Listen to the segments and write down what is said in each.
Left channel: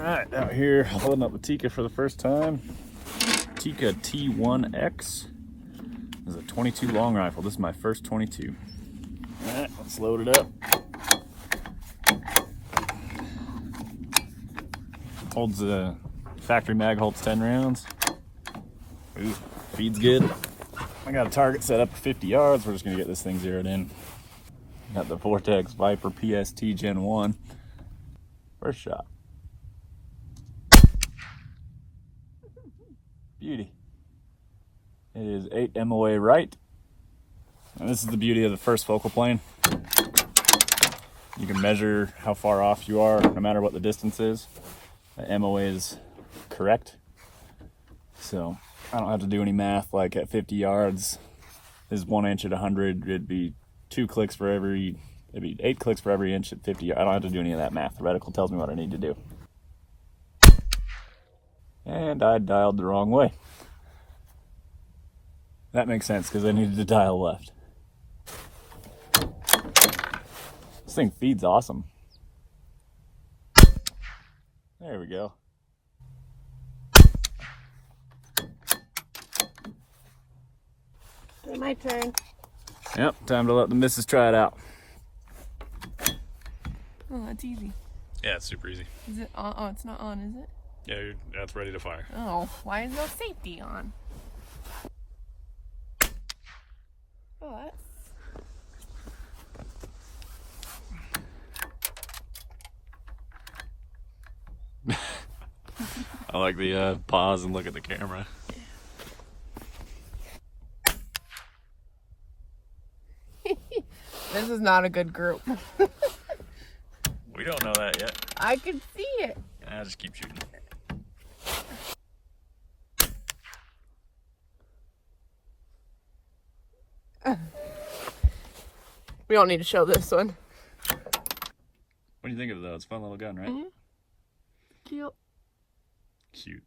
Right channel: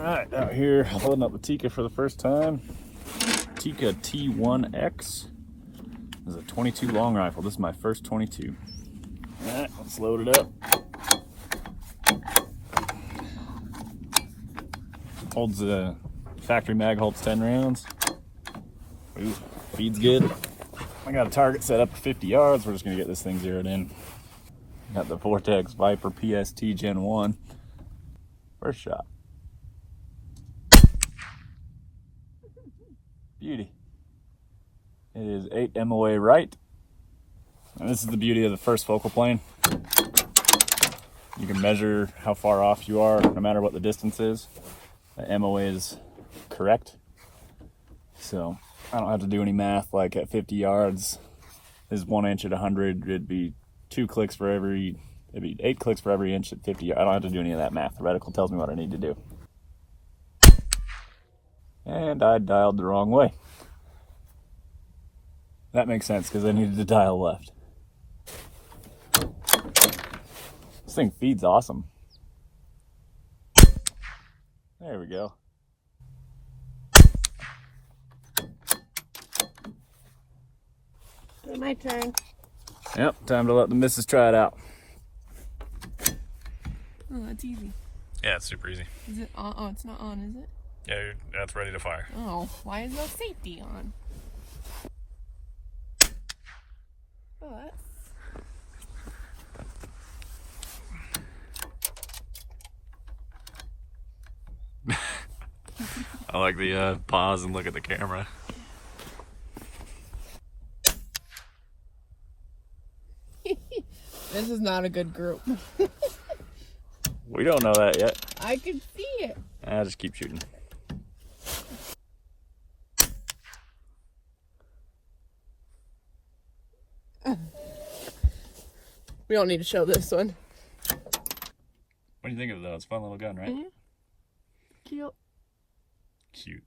Alright, out here holding up the Tikka for the first time. Tikka T1x. This is a 22 long rifle. This is my first 22. Alright, let's load it up. Holds the factory mag, holds 10 rounds. Ooh, feeds good. I got a target set up for 50 yards. We're just gonna get this thing zeroed in. Got the Vortex Viper PST Gen 1. First shot. Beauty. It is 8 MOA right. And this is the beauty of the first focal plane. You can measure how far off you are no matter what the distance is. The MOA is correct. So I don't have to do any math. Like at 50 yards is 1 inch at 100. It'd be 2 clicks for every, it'd be 8 clicks for every inch at 50. I don't have to do any of that math. The reticle tells me what I need to do. And I dialed the wrong way. That makes sense because I needed to dial left. This thing feeds awesome. There we go. My turn. Yep, time to let the missus try it out. Oh, that's easy. Yeah, it's super easy. Is it on? Oh, it's not on, is it? Yeah, that's ready to fire. Oh, why is no safety on? What? I like the pause and look at the camera. This is not a good group. We don't know that yet. I can see it. I just keep shooting. We don't need to show this one. What do you think of it though? It's a fun little gun, right? Mm-hmm. Cute. Cute.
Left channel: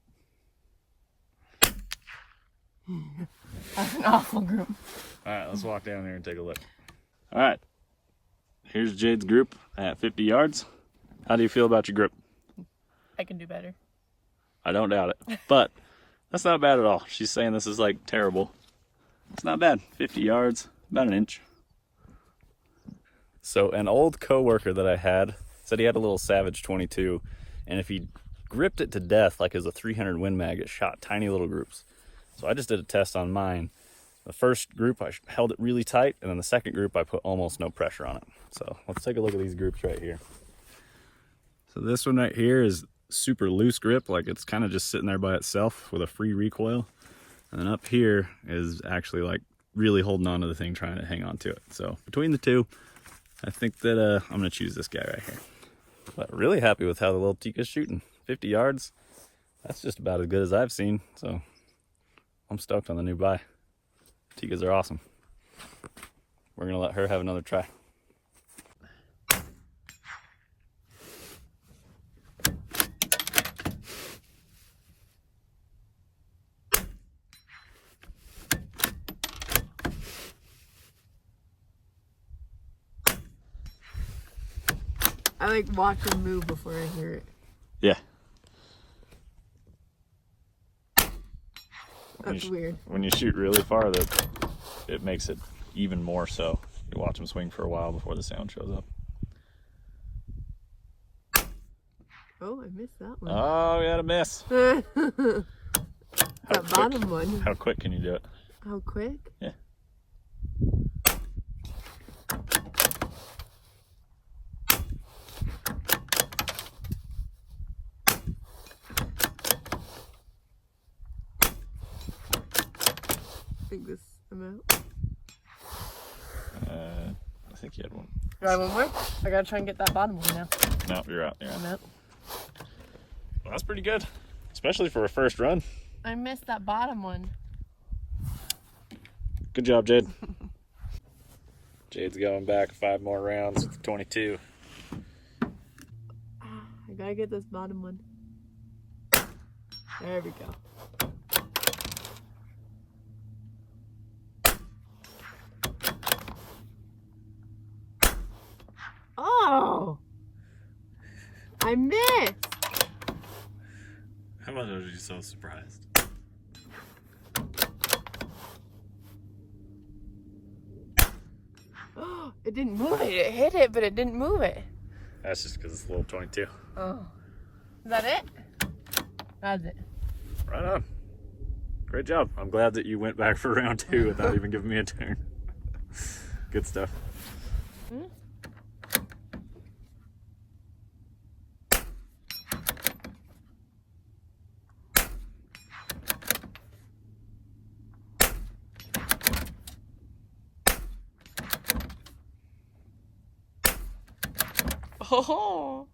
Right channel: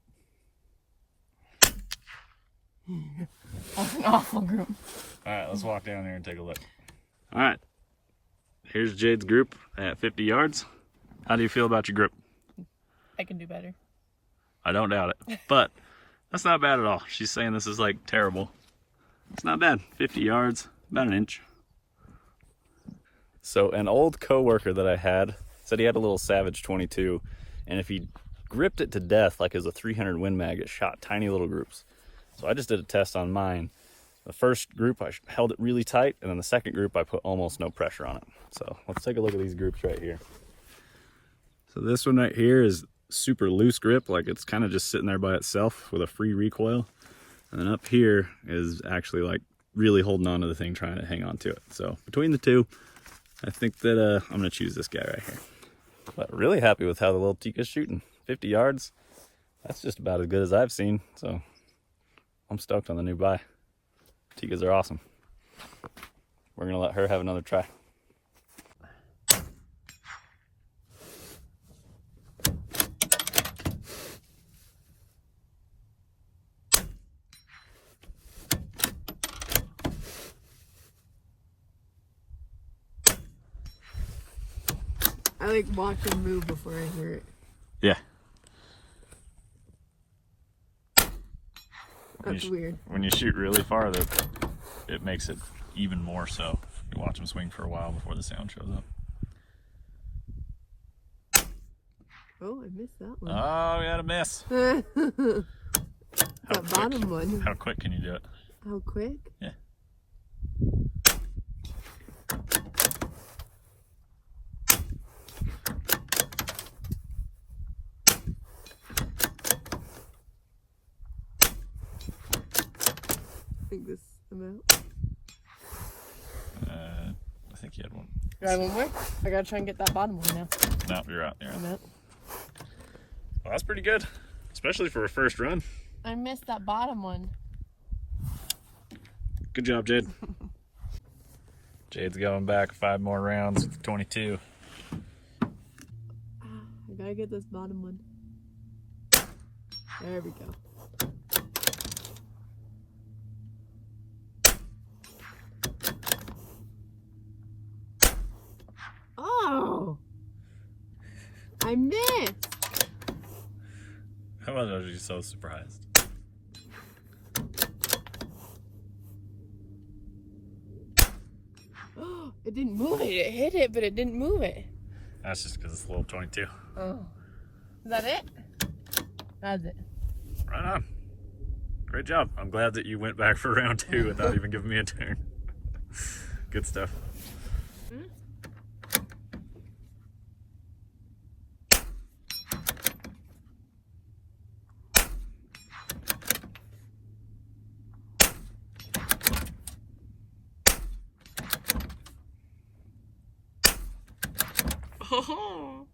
That's an awful group. Alright, let's walk down here and take a look. Alright. Here's Jade's group at 50 yards. How do you feel about your group? I can do better. I don't doubt it. But that's not bad at all. She's saying this is like terrible. It's not bad. 50 yards, about an inch. So an old coworker that I had said he had a little Savage 22, and if he gripped it to death like as a 300 Win Mag, it shot tiny little groups. So I just did a test on mine. The first group I held it really tight, and then the second group I put almost no pressure on it. So let's take a look at these groups right here. So this one right here is super loose grip, like it's kind of just sitting there by itself with a free recoil. And then up here is actually like really holding on to the thing, trying to hang on to it. So between the two, I think that I'm gonna choose this guy right here. But really happy with how the little Tikka's shooting. 50 yards, that's just about as good as I've seen. So I'm stoked on the new buy. Tikkas are awesome. We're gonna let her have another try. I like watching move before I hear it. Yeah. That's weird. When you shoot really far, it makes it even more so. You watch them swing for a while before the sound shows up. Oh, I missed that one. Oh, you had a miss. That bottom one. How quick can you do it? How quick? Yeah. I think this amount. I think you had one. Do I have one more? I gotta try and get that bottom one now. No, you're out. You're out. Nope. Well, that's pretty good, especially for a first run. I missed that bottom one. Good job, Jade. Jade's going back 5 more rounds of 22. I gotta get this bottom one. There we go. Oh! I missed! was you so surprised? It didn't move it. It hit it, but it didn't move it. That's just because it's a little 22. Oh. Is that it? That's it. Right on. Great job. I'm glad that you went back for round 2 without even giving me a turn. Good stuff. Hmm? Oh.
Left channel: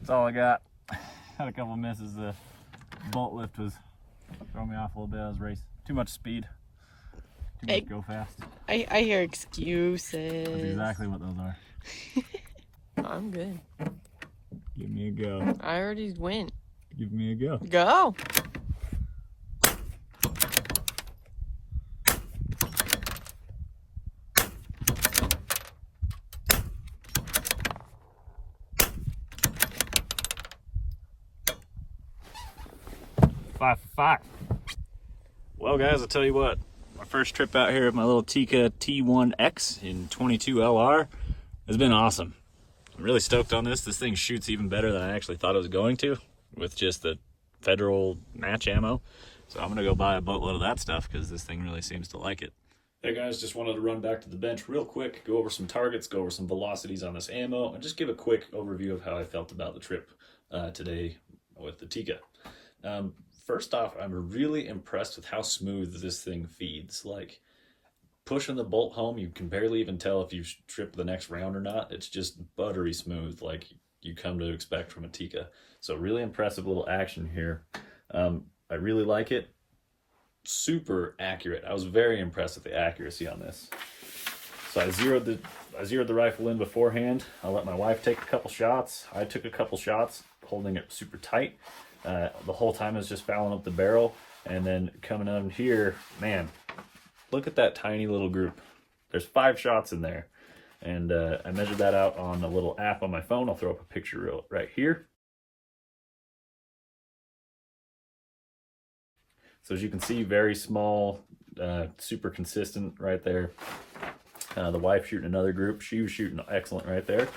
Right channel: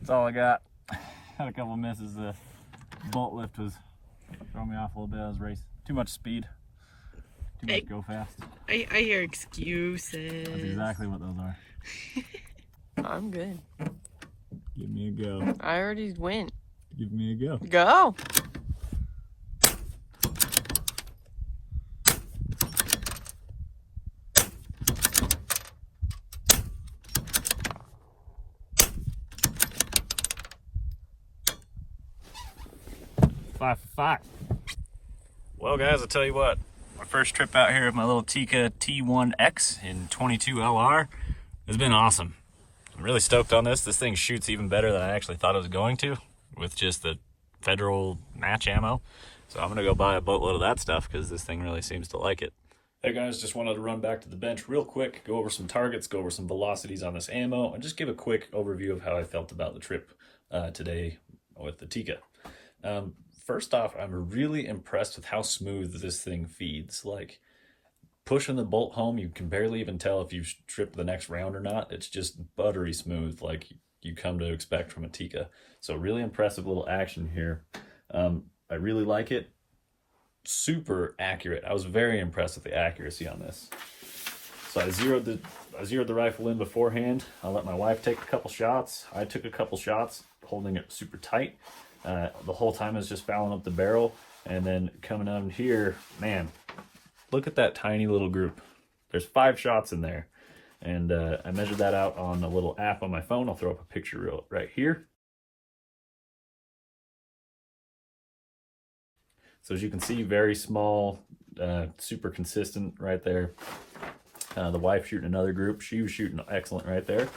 That's all I got. Had a couple misses. The bolt lift was throwing me off a little bit. I was racing. Too much speed. Too much go fast. I hear excuses. That's exactly what those are. I'm good. Give me a go. I already went. Give me a go. Go. Five for 5. Well, guys, I'll tell you what. My first trip out here with my little Tikka T1x in 22 LR has been awesome. I'm really stoked on this. This thing shoots even better than I actually thought it was going to with just the federal match ammo. So I'm going to go buy a boatload of that stuff because this thing really seems to like it. Hey guys, just wanted to run back to the bench real quick, go over some targets, go over some velocities on this ammo, and just give a quick overview of how I felt about the trip today with the Tikka. First off, I'm really impressed with how smooth this thing feeds. Like, pushing the bolt home, you can barely even tell if you've tripped the next round or not. It's just buttery smooth, like you come to expect from a Tikka. So really impressive little action here. I really like it. Super accurate. I was very impressed with the accuracy on this. So I zeroed the rifle in beforehand. I let my wife take a couple shots. I took a couple shots, holding it super tight. The whole time is just fouling up the barrel, and then coming on here, man, look at that tiny little group. There's 5 shots in there, and I measured that out on a little app on my phone. I'll throw up a picture right here. So as you can see, very small, super consistent right there. The wife shooting another group. She was shooting excellent right there.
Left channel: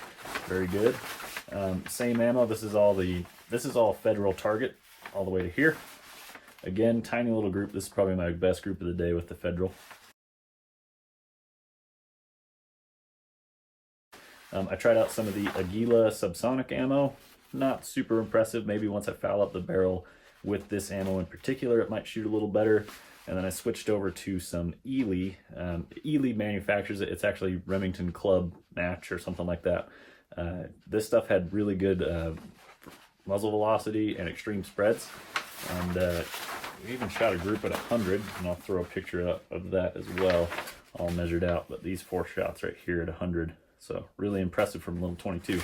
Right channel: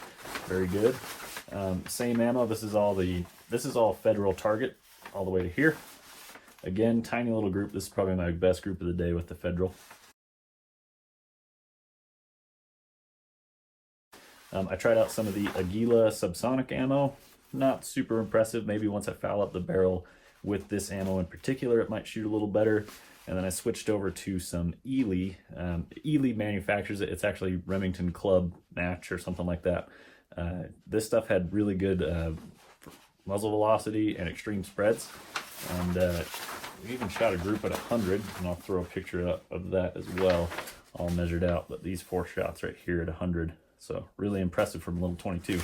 Very good. Same ammo. This is all federal target all the way to here. Again, tiny little group. This is probably my best group of the day with the federal. I tried out some of the Aguila subsonic ammo. Not super impressive. Maybe once I foul up the barrel with this ammo in particular, it might shoot a little better. And then I switched over to some Ely. Ely manufactures it. It's actually Remington Club Match or something like that. This stuff had really good muzzle velocity and extreme spreads. And we even shot a group at 100, and I'll throw a picture up of that as well, all measured out. But these 4 shots right here at 100. So really impressive from a little 22.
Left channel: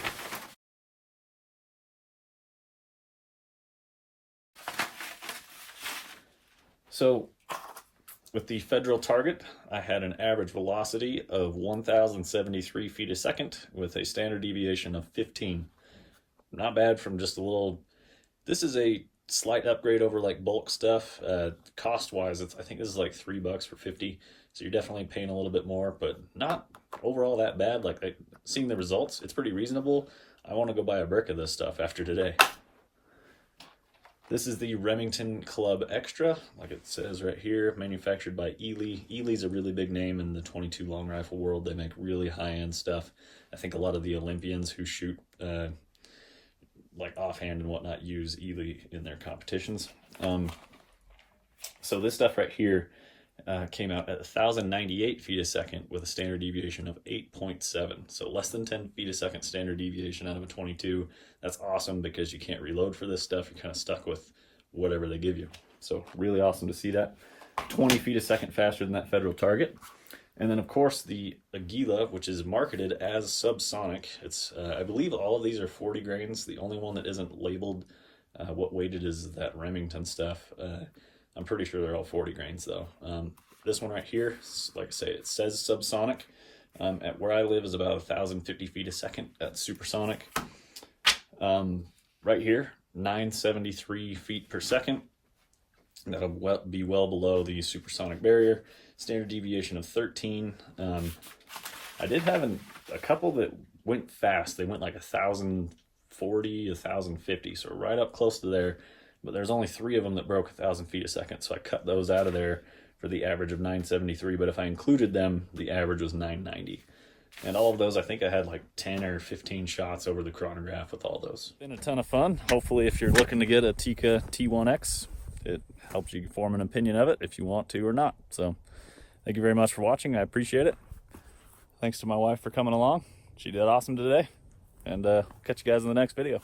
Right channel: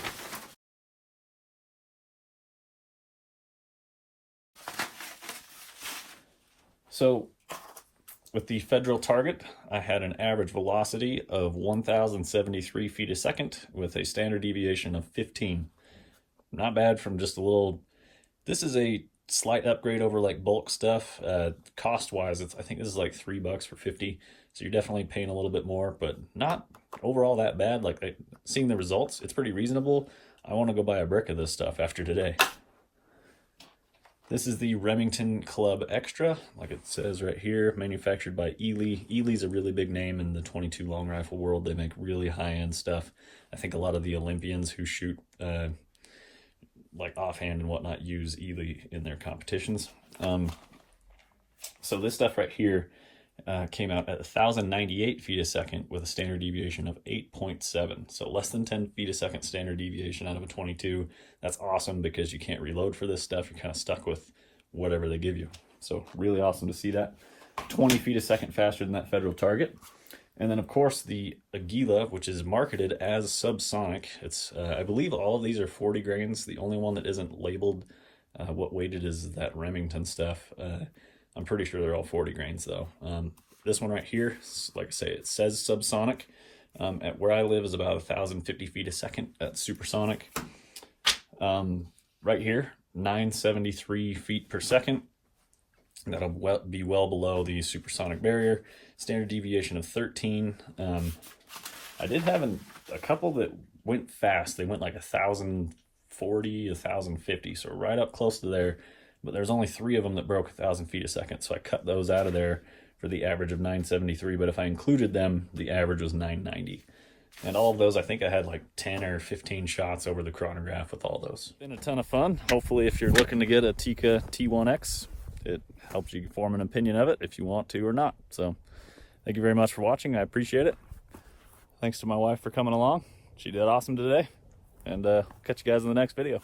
So with the federal target, I had an average velocity of 1,073 feet a second with a standard deviation of 15. Not bad from just a little. This is a slight upgrade over like bulk stuff. Cost-wise, I think this is like $3 for 50. So you're definitely paying a little bit more, but not overall that bad. Like seeing the results, it's pretty reasonable. I want to go buy a brick of this stuff after today. This is the Remington Club Extra, like it says right here, manufactured by Ely. Ely's a really big name in the 22 long rifle world. They make really high-end stuff. I think a lot of the Olympians who shoot like offhand and whatnot use Ely in their competitions. So this stuff right here came out at 1,098 feet a second with a standard deviation of 8.7. So less than 10 feet a second standard deviation out of a 22. That's awesome because you can't reload for this stuff. You're kind of stuck with whatever they give you. So really awesome to see that. 20 feet a second faster than that federal target. And then of course the Aguila, which is marketed as subsonic. It's I believe all of these are 40 grains. The only one that isn't labeled what weight it is that Remington stuff. I'm pretty sure they're all 40 grains though. This one right here, like I say, it says subsonic. At where I live is about 1,050 feet a second at supersonic. Right here, 973 feet per second. That'll be well below the supersonic barrier. Standard deviation of 13. I did have a couple that went fast. They went like 1,040, 1,050, so right up close to there. But there's only 3 of them that broke 1,000 feet a second, so I cut those out of there for the average of 973. But if I included them, the average was 990. And all of those, I think I had like 10 or 15 shots over the chronograph with all those. Been a ton of fun. Hopefully, if you're looking to get a Tikka T1x, it helps you form an opinion of it if you want to or not. So thank you very much for watching. I appreciate it. Thanks to my wife for coming along. She did awesome today. And catch you guys in the next video.